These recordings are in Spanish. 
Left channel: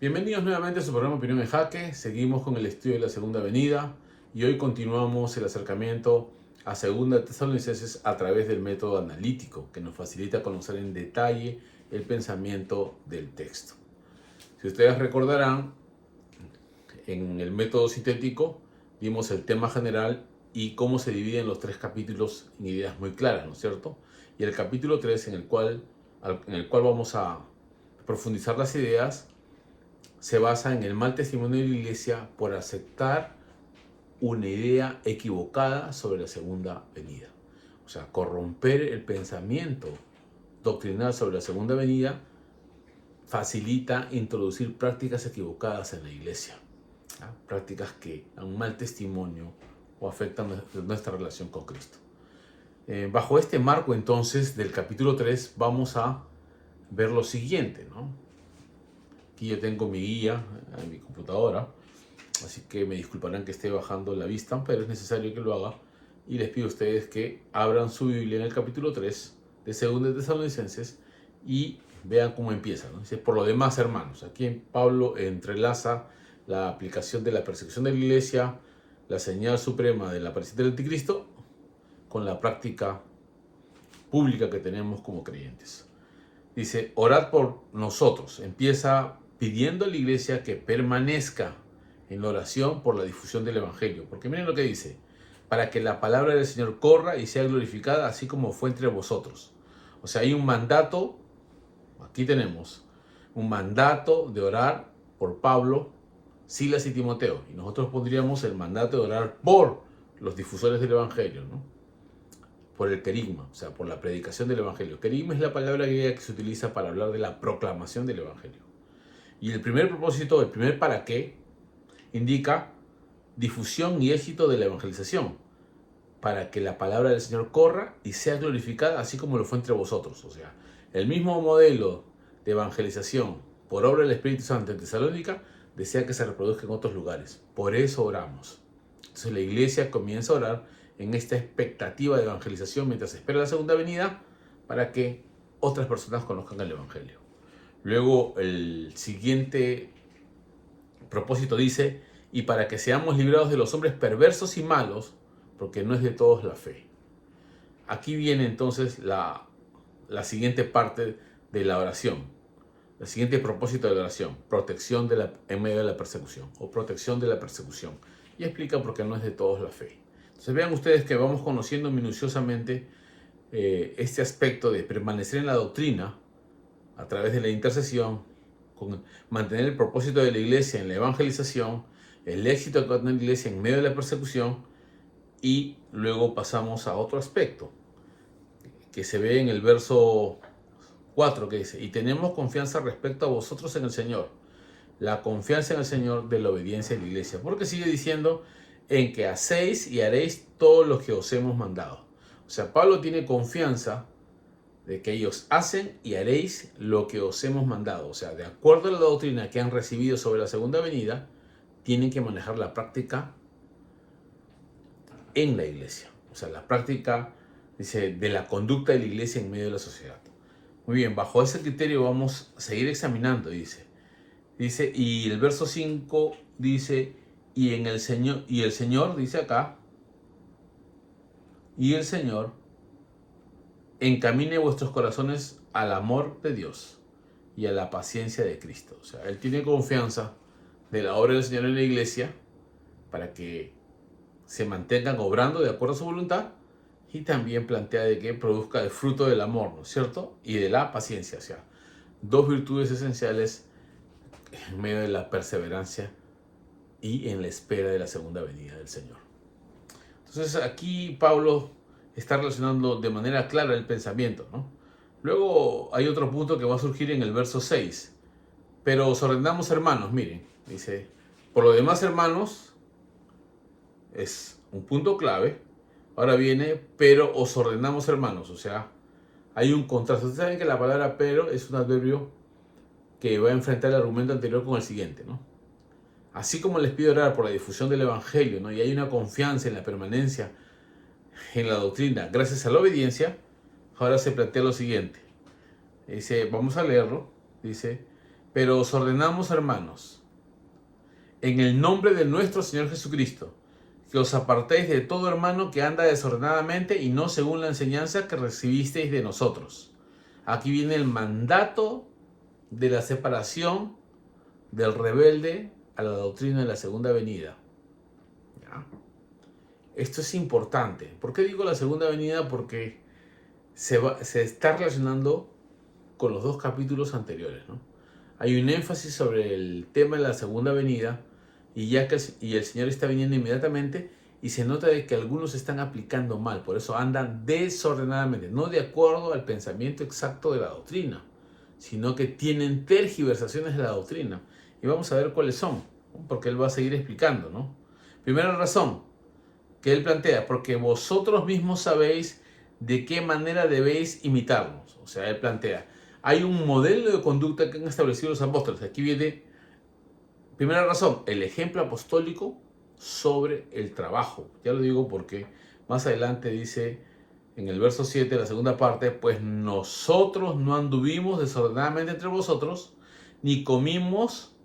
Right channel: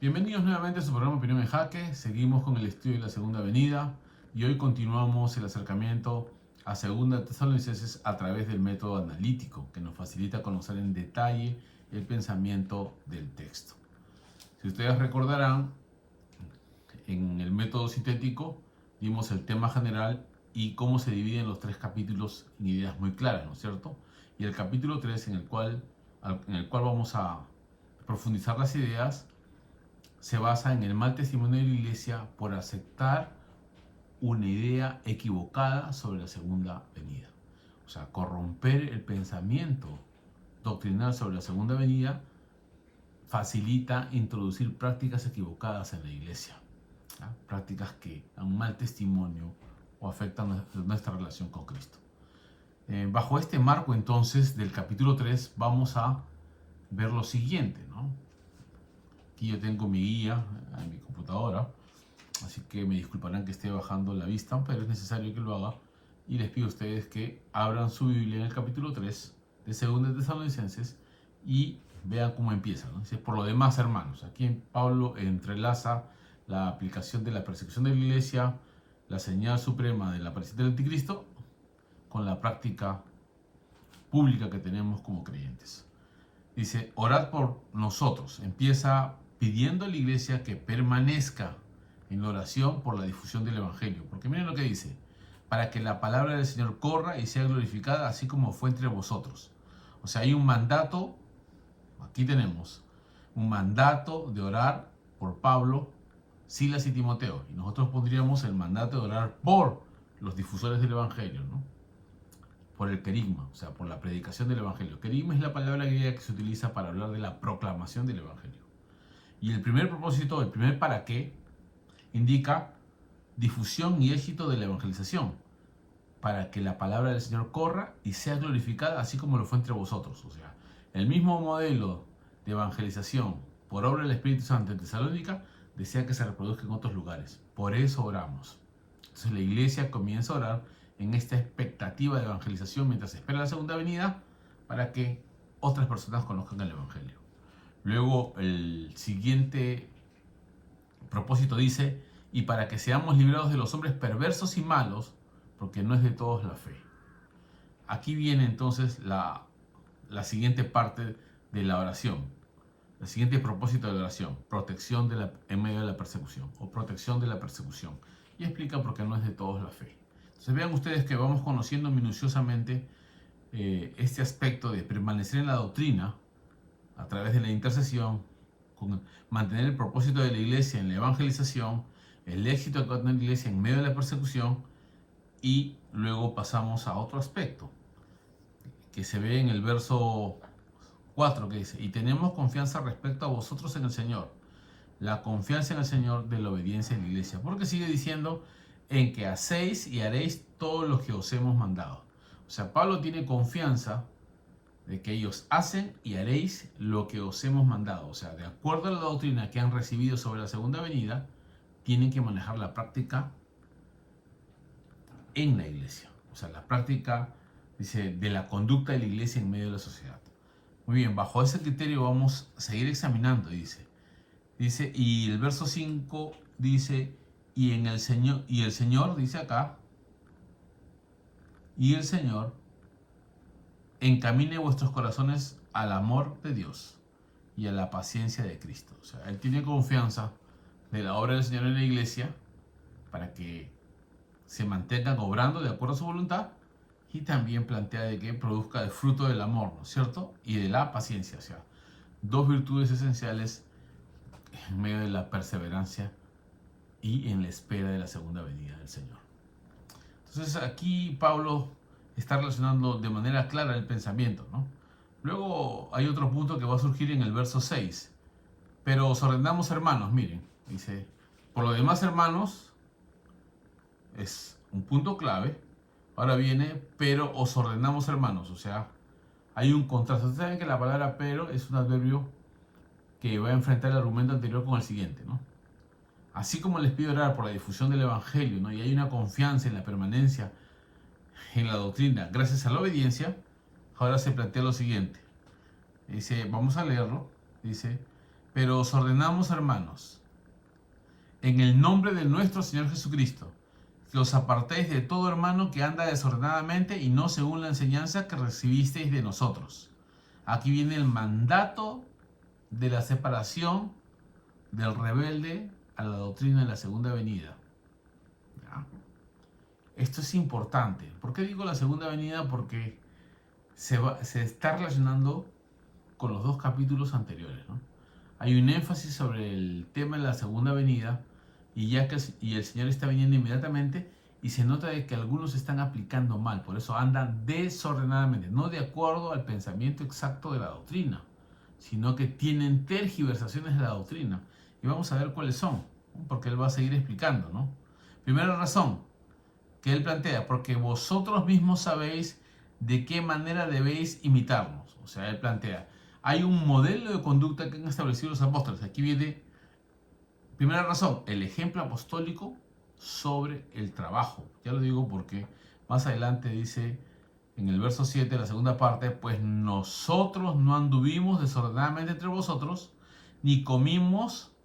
Bienvenidos nuevamente a su programa Opinión en Jaque. Seguimos con el estudio de la Segunda Venida y hoy continuamos el acercamiento a Segunda Tesalonicenses a través del método analítico que nos facilita conocer en detalle el pensamiento del texto. Si ustedes recordarán, en el método sintético dimos el tema general y cómo se dividen los tres capítulos en ideas muy claras, ¿no es cierto? Y el capítulo 3 en el cual vamos a profundizar las ideas se basa en el mal testimonio de la iglesia por aceptar una idea equivocada sobre la segunda venida. O sea, corromper el pensamiento doctrinal sobre la segunda venida facilita introducir prácticas equivocadas en la iglesia. ¿Ya? Prácticas que dan un mal testimonio o afectan nuestra relación con Cristo. Bajo este marco entonces del capítulo 3 vamos a ver lo siguiente, ¿no? Aquí yo tengo mi guía en mi computadora, así que me disculparán que esté bajando la vista, pero es necesario que lo haga. Y les pido a ustedes que abran su Biblia en el capítulo 3 de 2 Tesalonicenses y vean cómo empieza, ¿no? Dice, por lo demás, hermanos, aquí Pablo entrelaza la aplicación de la persecución de la iglesia, la señal suprema de la aparición del anticristo, con la práctica pública que tenemos como creyentes. Dice, orad por nosotros. Empieza pidiendo a la iglesia que permanezca en la oración por la difusión del Evangelio. Porque miren lo que dice, para que la palabra del Señor corra y sea glorificada, así como fue entre vosotros. O sea, hay un mandato, aquí tenemos, un mandato de orar por Pablo, Silas y Timoteo. Y nosotros pondríamos el mandato de orar por los difusores del Evangelio, ¿no? Por el querigma, o sea, por la predicación del Evangelio. Querigma es la palabra griega que se utiliza para hablar de la proclamación del Evangelio. Y el primer propósito, el primer para qué, indica difusión y éxito de la evangelización, para que la palabra del Señor corra y sea glorificada, así como lo fue entre vosotros. O sea, el mismo modelo de evangelización por obra del Espíritu Santo en Tesalónica desea que se reproduzca en otros lugares. Por eso oramos. Entonces la iglesia comienza a orar en esta expectativa de evangelización mientras espera la segunda venida para que otras personas conozcan el Evangelio. Luego el siguiente propósito dice, y para que seamos librados de los hombres perversos y malos, porque no es de todos la fe. Aquí viene entonces la siguiente parte de la oración. El siguiente propósito de la oración, protección en medio de la persecución o protección de la persecución. Y explica por qué no es de todos la fe. Entonces vean ustedes que vamos conociendo minuciosamente este aspecto de permanecer en la doctrina a través de la intercesión, con mantener el propósito de la iglesia en la evangelización, el éxito que va a tener la iglesia en medio de la persecución, y luego pasamos a otro aspecto que se ve en el verso 4 que dice, y tenemos confianza respecto a vosotros en el Señor. La confianza en el Señor de la obediencia de la iglesia. Porque sigue diciendo, en que hacéis y haréis todo lo que os hemos mandado. O sea, Pablo tiene confianza de que ellos hacen y haréis lo que os hemos mandado. O sea, de acuerdo a la doctrina que han recibido sobre la segunda venida, tienen que manejar la práctica en la iglesia. O sea, la práctica, dice, de la conducta de la iglesia en medio de la sociedad. Muy bien, bajo ese criterio vamos a seguir examinando, dice. Dice, y el verso 5 dice, y el Señor, dice acá, y el Señor encamine vuestros corazones al amor de Dios y a la paciencia de Cristo. O sea, Él tiene confianza de la obra del Señor en la iglesia para que se mantengan obrando de acuerdo a su voluntad, y también plantea de que produzca el fruto del amor, ¿no es cierto? Y de la paciencia, o sea, dos virtudes esenciales en medio de la perseverancia y en la espera de la segunda venida del Señor. Entonces aquí Pablo está relacionando de manera clara el pensamiento, ¿no? Luego hay otro punto que va a surgir en el verso 6. Pero os ordenamos, hermanos, miren, dice, por lo demás, hermanos, es un punto clave. Ahora viene, pero os ordenamos, hermanos, o sea, hay un contraste. Ustedes saben que la palabra pero es un adverbio que va a enfrentar el argumento anterior con el siguiente, ¿no? Así como les pido orar por la difusión del Evangelio, ¿no? Y hay una confianza en la permanencia en la doctrina gracias a la obediencia, ahora se plantea lo siguiente. Dice, vamos a leerlo. Dice, Pero os ordenamos, hermanos, en el nombre de nuestro Señor Jesucristo, que os apartéis de todo hermano que anda desordenadamente y no según la enseñanza que recibisteis de nosotros. Aquí viene el mandato de la separación del rebelde a la doctrina de la segunda venida. ¿Ya? Esto es importante. ¿Por qué digo la segunda venida? Porque se está relacionando con los dos capítulos anteriores, ¿no? Hay un énfasis sobre el tema de la segunda venida y el Señor está viniendo inmediatamente, y se nota de que algunos están aplicando mal, por eso andan desordenadamente, no de acuerdo al pensamiento exacto de la doctrina, sino que tienen tergiversaciones de la doctrina. Y vamos a ver cuáles son, ¿no? Porque Él va a seguir explicando, ¿no? Primera razón que Él plantea: porque vosotros mismos sabéis de qué manera debéis imitarnos. O sea, Él plantea, hay un modelo de conducta que han establecido los apóstoles. Aquí viene, primera razón, el ejemplo apostólico sobre el trabajo. Ya lo digo porque más adelante dice en el verso 7, la segunda parte: pues nosotros no anduvimos desordenadamente entre vosotros, ni comimos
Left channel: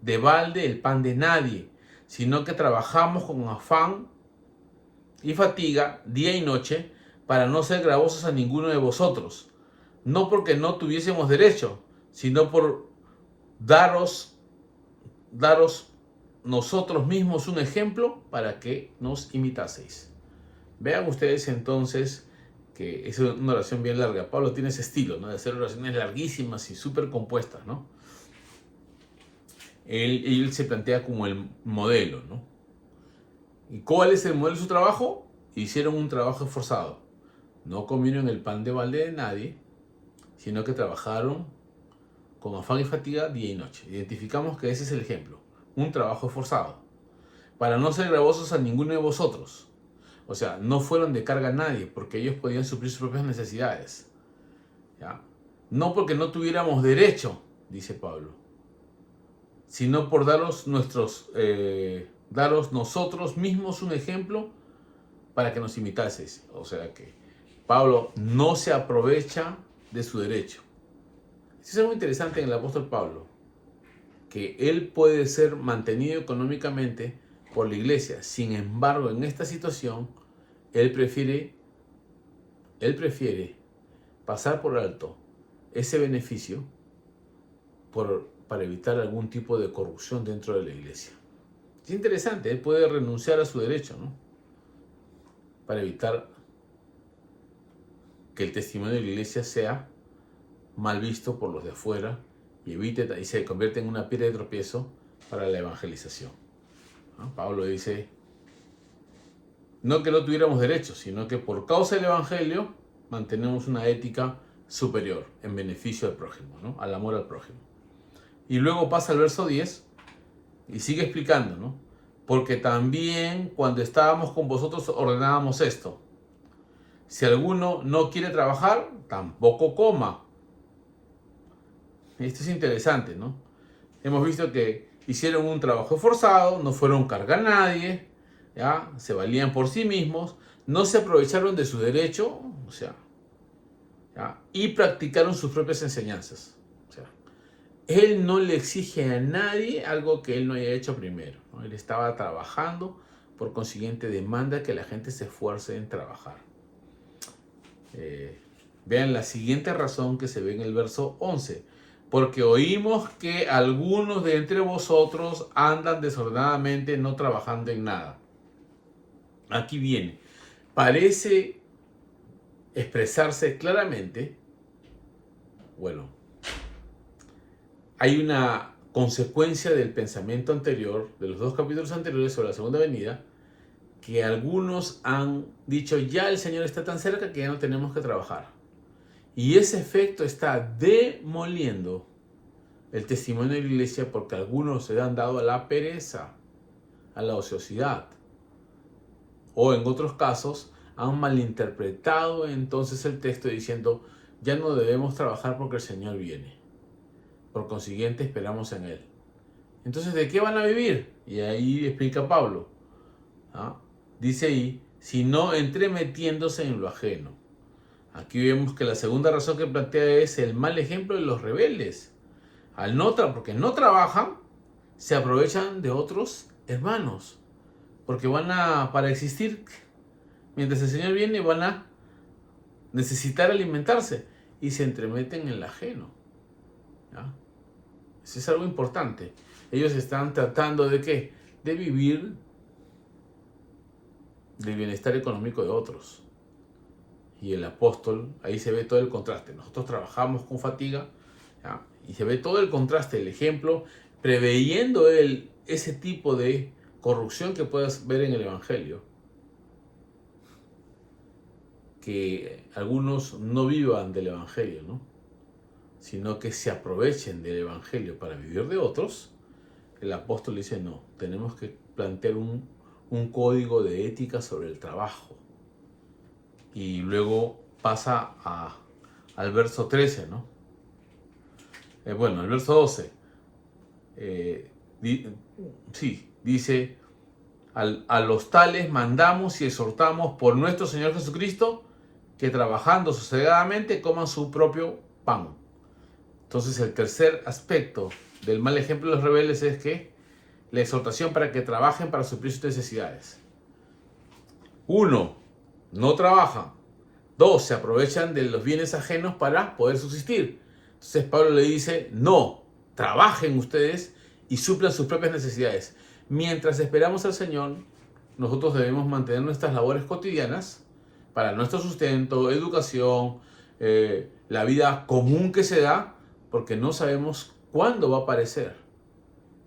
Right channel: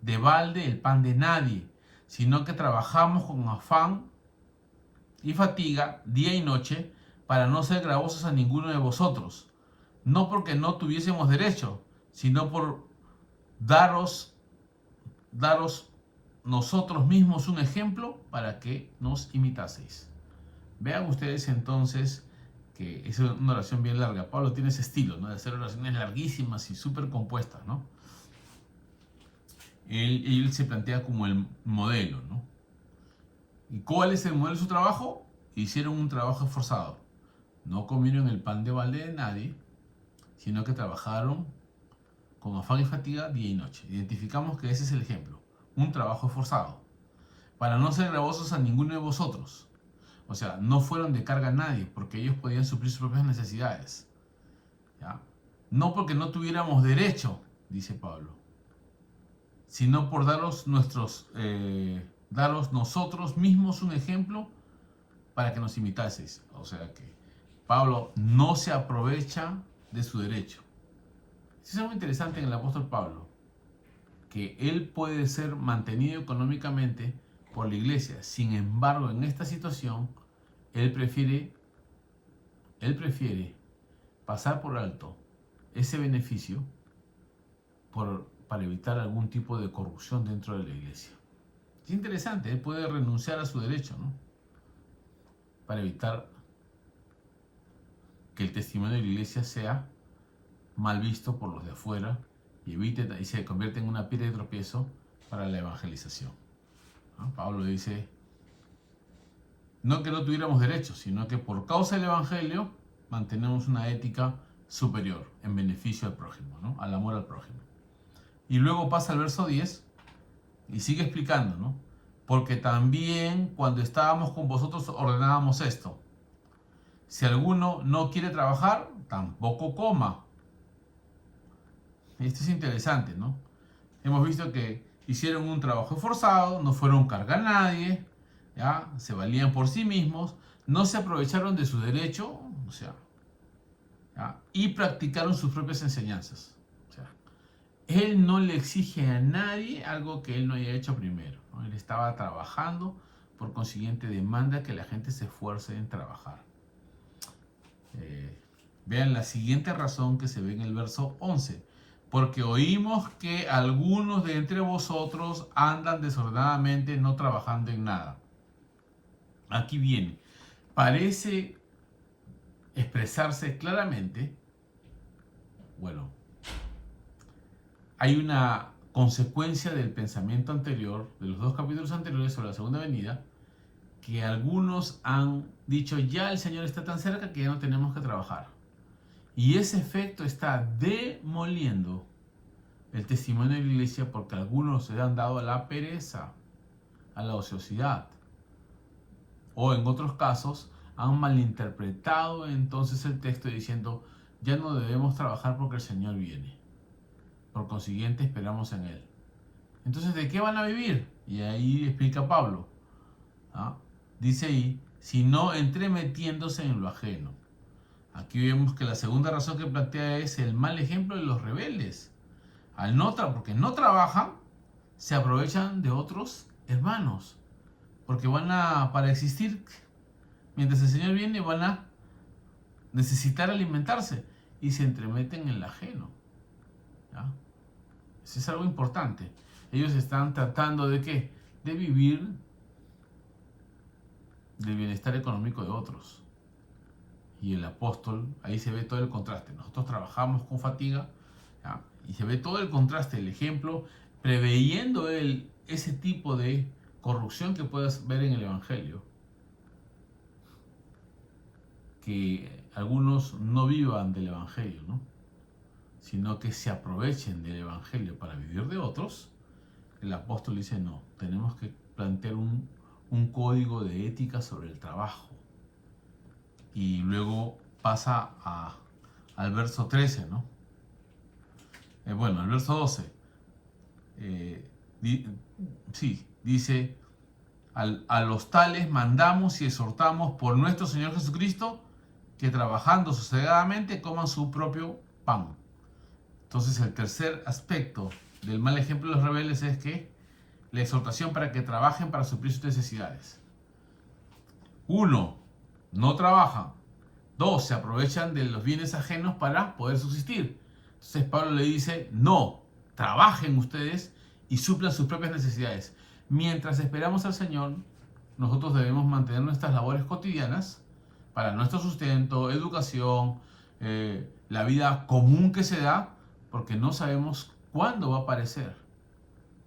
de balde el pan de nadie, sino que trabajamos con afán y fatiga día y noche, para no ser gravosos a ninguno de vosotros, no porque no tuviésemos derecho, sino por daros nosotros mismos un ejemplo para que nos imitaseis. Vean ustedes entonces que es una oración bien larga. Pablo tiene ese estilo, ¿no?, de hacer oraciones larguísimas y súper compuestas, ¿no? Él se plantea como el modelo, ¿no? ¿Y cuál es el modelo de su trabajo? Hicieron un trabajo esforzado. No comieron el pan de balde de nadie, sino que trabajaron con afán y fatiga día y noche. Identificamos que ese es el ejemplo. Un trabajo esforzado. Para no ser gravosos a ninguno de vosotros. O sea, no fueron de carga a nadie, porque ellos podían suplir sus propias necesidades. ¿Ya? No porque no tuviéramos derecho, dice Pablo, sino por daros nosotros mismos un ejemplo para que nos imitaseis. O sea que Pablo no se aprovecha de su derecho. Esto es algo interesante en el apóstol Pablo, que él puede ser mantenido económicamente por la iglesia. Sin embargo, en esta situación, él prefiere pasar por alto ese beneficio para evitar algún tipo de corrupción dentro de la iglesia. Es interesante, él puede renunciar a su derecho, ¿no?, para evitar que el testimonio de la iglesia sea mal visto por los de afuera y se convierte en una piedra de tropiezo para la evangelización. ¿No? Pablo dice, no que no tuviéramos derechos, sino que por causa del evangelio mantenemos una ética superior en beneficio del prójimo, ¿no?, al amor al prójimo. Y luego pasa al verso 10 y sigue explicando, ¿no? Porque también cuando estábamos con vosotros ordenábamos esto: si alguno no quiere trabajar, tampoco coma. Esto es interesante, ¿no? Hemos visto que hicieron un trabajo esforzado, no fueron carga a nadie, ¿ya? Se valían por sí mismos, no se aprovecharon de su derecho, o sea, ¿ya?, y practicaron sus propias enseñanzas. O sea, él no le exige a nadie algo que él no haya hecho primero, ¿no? Él estaba trabajando, por consiguiente demanda que la gente se esfuerce en trabajar. Vean la siguiente razón que se ve en el verso 11. Porque oímos que algunos de entre vosotros andan desordenadamente, no trabajando en nada. Aquí viene. Parece expresarse claramente, bueno, hay una consecuencia del pensamiento anterior, de los dos capítulos anteriores sobre la segunda venida, que algunos han dicho, ya el Señor está tan cerca que ya no tenemos que trabajar. Y ese efecto está demoliendo el testimonio de la iglesia, porque algunos se han dado a la pereza, a la ociosidad. O en otros casos han malinterpretado entonces el texto diciendo, ya no debemos trabajar porque el Señor viene. Por consiguiente esperamos en Él. Entonces, ¿de qué van a vivir? Y ahí explica Pablo. Dice ahí, sino entremetiéndose en lo ajeno. Aquí vemos que la segunda razón que plantea es el mal ejemplo de los rebeldes. Porque no trabajan, se aprovechan de otros hermanos. Porque para existir, mientras el Señor viene, van a necesitar alimentarse y se entremeten en el ajeno. ¿Ya? Eso es algo importante. Ellos están tratando de ¿qué? De vivir del bienestar económico de otros. Y el apóstol, ahí se ve todo el contraste. Nosotros trabajamos con fatiga, ¿ya? Y se ve todo el contraste, el ejemplo, preveyendo él ese tipo de corrupción que puedas ver en el Evangelio. Que algunos no vivan del Evangelio, ¿no? Sino que se aprovechen del Evangelio para vivir de otros. El apóstol dice, no, tenemos que plantear un código de ética sobre el trabajo. Y luego pasa al verso 13, ¿no? Bueno, el verso 12. Dice, a los tales mandamos y exhortamos por nuestro Señor Jesucristo que trabajando sosegadamente coman su propio pan. Entonces el tercer aspecto del mal ejemplo de los rebeldes es que la exhortación para que trabajen para suplir sus necesidades. 1. No trabajan. 2. Se aprovechan de los bienes ajenos para poder subsistir. Entonces Pablo le dice, no, trabajen ustedes y suplan sus propias necesidades. Mientras esperamos al Señor, nosotros debemos mantener nuestras labores cotidianas para nuestro sustento, educación, la vida común que se da, porque no sabemos cuándo va a aparecer.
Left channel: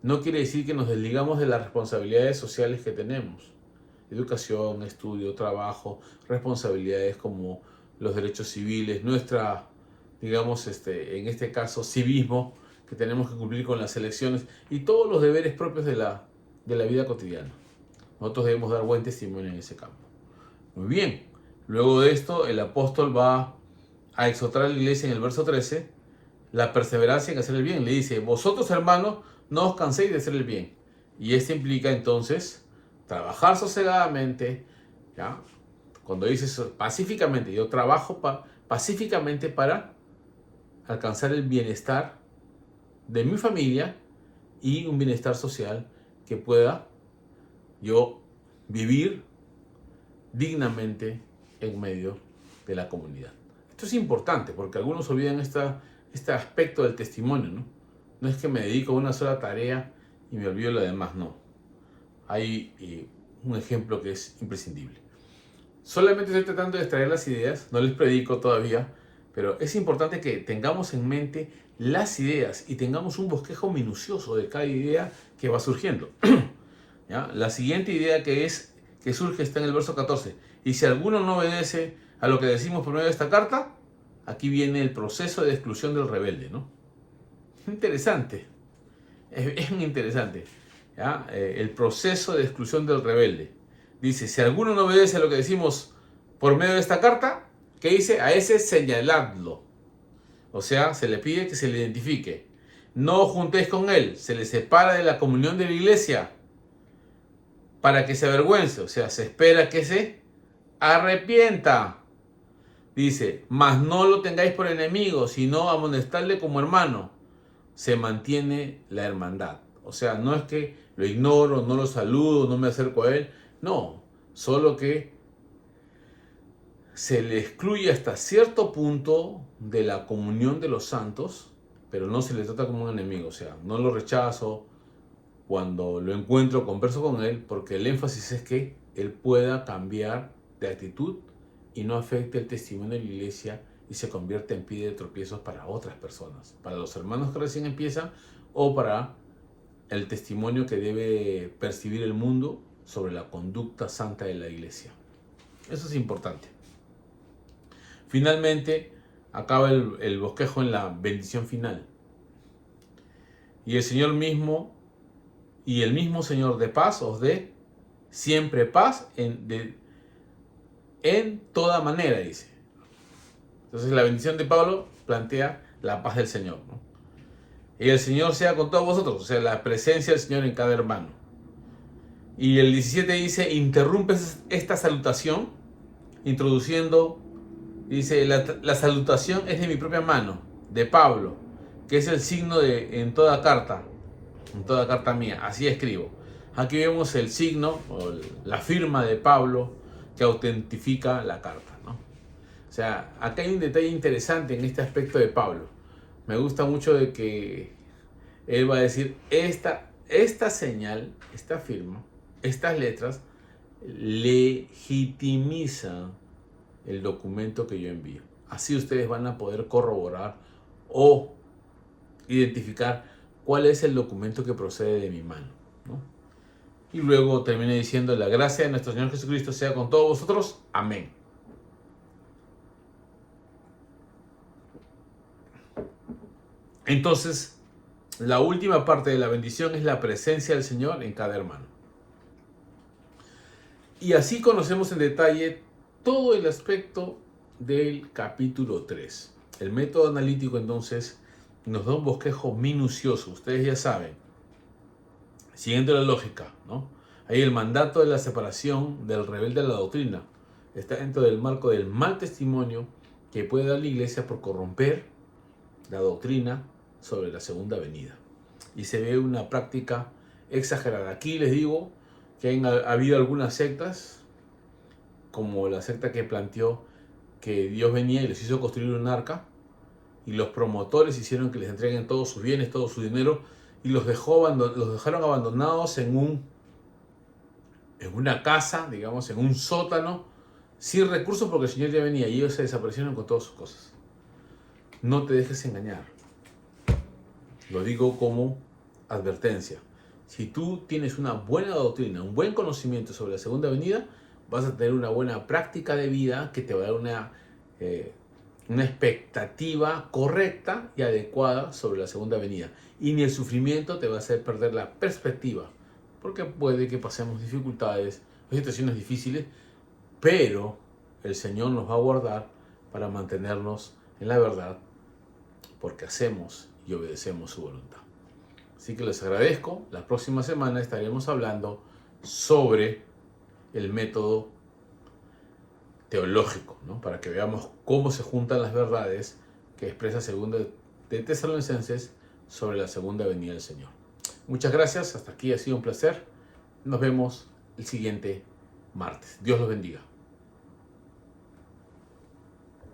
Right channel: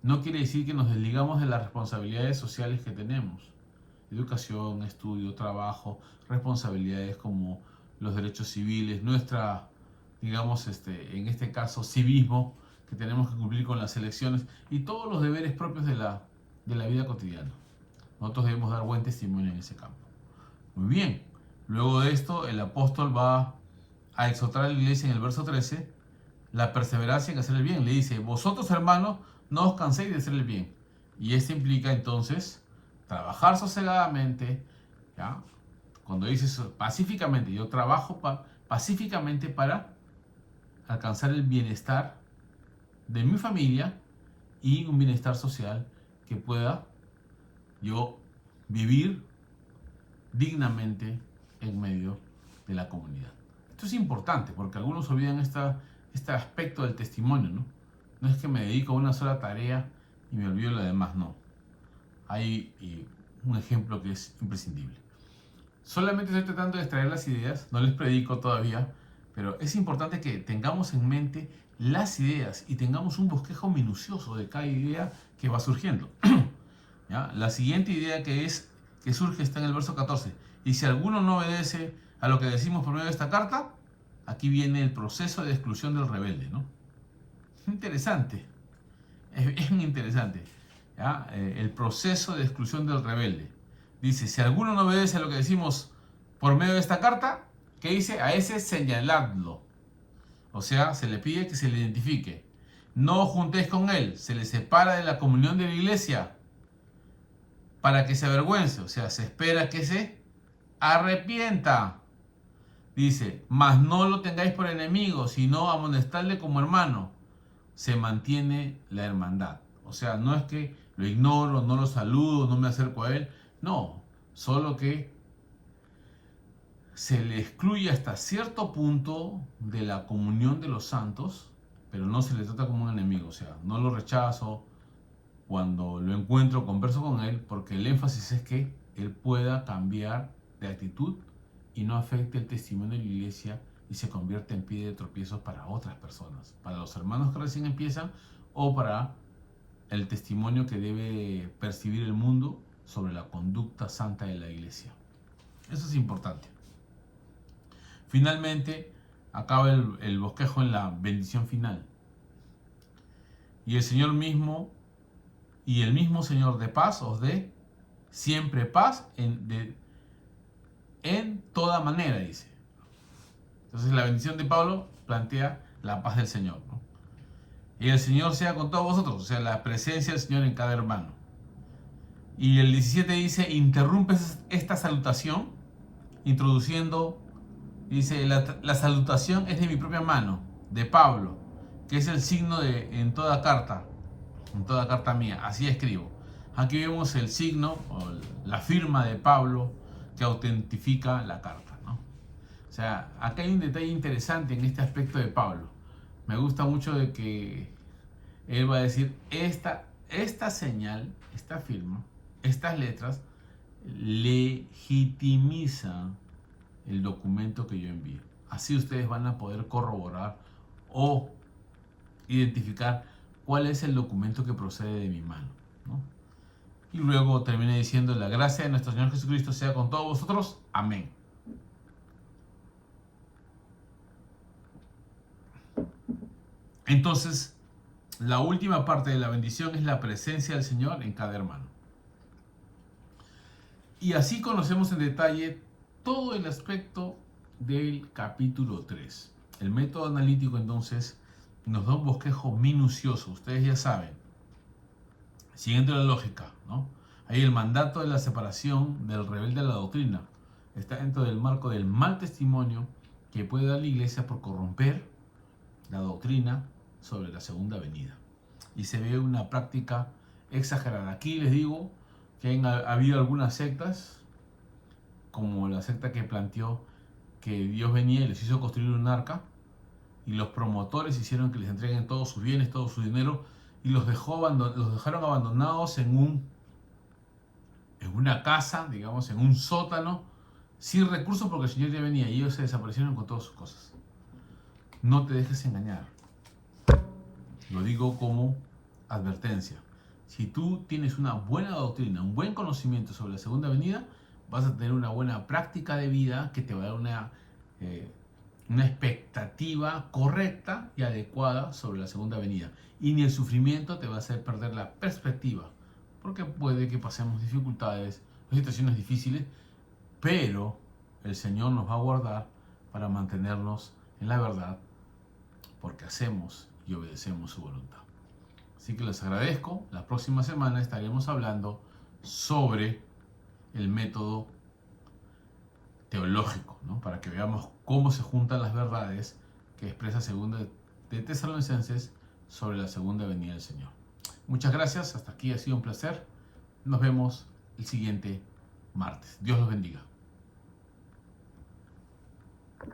No quiere decir que nos desligamos de las responsabilidades sociales que tenemos. Educación, estudio, trabajo, responsabilidades como los derechos civiles, nuestra, digamos, en este caso, civismo, que tenemos que cumplir con las elecciones y todos los deberes propios de la vida cotidiana. Nosotros debemos dar buen testimonio en ese campo. Muy bien. Luego de esto, el apóstol va a exhortar a la iglesia en el verso 13, la perseverancia en hacer el bien. Le dice, vosotros hermanos, no os canséis de hacer el bien. Y esto implica entonces trabajar sosegadamente, ¿ya? Cuando dices pacíficamente, yo trabajo pacíficamente para alcanzar el bienestar de mi familia y un bienestar social que pueda yo vivir dignamente en medio de la comunidad. Esto es importante porque algunos olvidan este aspecto del testimonio, ¿no? No es que me dedico a una sola tarea y me olvido lo demás, no. Hay un ejemplo que es imprescindible. Solamente estoy tratando de extraer las ideas, no les predico todavía, pero es importante que tengamos en mente las ideas y tengamos un bosquejo minucioso de cada idea que va surgiendo. ¿Ya? La siguiente idea que surge está en el verso 14. Y si alguno no obedece a lo que decimos por medio de esta carta, aquí viene el proceso de exclusión del rebelde, ¿no? Interesante. Es muy interesante. ¿Ya? El proceso de exclusión del rebelde. Dice, si alguno no obedece a lo que decimos por medio de esta carta, ¿qué dice? A ese señaladlo. O sea, se le pide que se le identifique. No os juntéis con él, se le separa de la comunión de la iglesia para que se avergüence. O sea, se espera que se arrepienta. Dice, mas no lo tengáis por enemigo, sino amonestadle como hermano. Se mantiene la hermandad. O sea, no es que lo ignoro, no lo saludo, no me acerco a él. No, solo que se le excluye hasta cierto punto de la comunión de los santos, pero no se le trata como un enemigo. O sea, no lo rechazo. Cuando lo encuentro, converso con él, porque el énfasis es que él pueda cambiar de actitud y no afecte el testimonio de la iglesia y se convierta en piedra de tropiezos para otras personas, para los hermanos que recién empiezan o para el testimonio que debe percibir el mundo sobre la conducta santa de la iglesia. Eso es importante. Finalmente, acaba el bosquejo en la bendición final. Y el Señor mismo, y el mismo Señor de paz os dé siempre paz en toda manera, dice. Entonces la bendición de Pablo plantea la paz del Señor, ¿no? Y el Señor sea con todos vosotros, o sea, la presencia del Señor en cada hermano. Y el 17 dice, interrumpe esta salutación, introduciendo, dice, la salutación es de mi propia mano, de Pablo, que es el signo de en toda carta mía, así escribo. Aquí vemos el signo o la firma de Pablo que autentifica la carta, ¿no? O sea, acá hay un detalle interesante en este aspecto de Pablo. Me gusta mucho de que él va a decir, esta señal, esta firma, estas letras legitimizan el documento que yo envío. Así ustedes van a poder corroborar o identificar cuál es el documento que procede de mi mano, ¿no? Y luego termina diciendo, la gracia de nuestro Señor Jesucristo sea con todos vosotros. Amén. Entonces, la última parte de la bendición es la presencia del Señor en cada hermano. Y así conocemos en detalle todo el aspecto del capítulo 3. El método analítico entonces nos da un bosquejo minucioso. Ustedes ya saben, siguiendo la lógica, ¿no? Hay el mandato de la separación del rebelde a la doctrina. Está dentro del marco del mal testimonio que puede dar la iglesia por corromper la doctrina sobre la segunda venida. Y se ve una práctica exagerada. Aquí les digo que ha habido algunas sectas, como la secta que planteó que Dios venía y les hizo construir un arca, y los promotores hicieron que les entreguen todos sus bienes, todo su dinero, y los dejaron abandonados en una casa, digamos, en un sótano, sin recursos porque el Señor ya venía y ellos se desaparecieron con todas sus cosas. No te dejes engañar. Lo digo como advertencia. Si tú tienes una buena doctrina, un buen conocimiento sobre la segunda venida, vas a tener una buena práctica de vida que te va a dar una expectativa correcta y adecuada sobre la segunda venida. Y ni el sufrimiento te va a hacer perder la perspectiva, porque puede que pasemos dificultades o situaciones difíciles, pero el Señor nos va a guardar para mantenernos en la verdad, porque hacemos y obedecemos su voluntad. Así que les agradezco. La próxima semana estaremos hablando sobre el método teológico, ¿no? Para que veamos cómo se juntan las verdades que expresa segunda de Tesalonicenses sobre la segunda venida del Señor. Muchas gracias. Hasta aquí ha sido un placer. Nos vemos el siguiente martes. Dios los bendiga.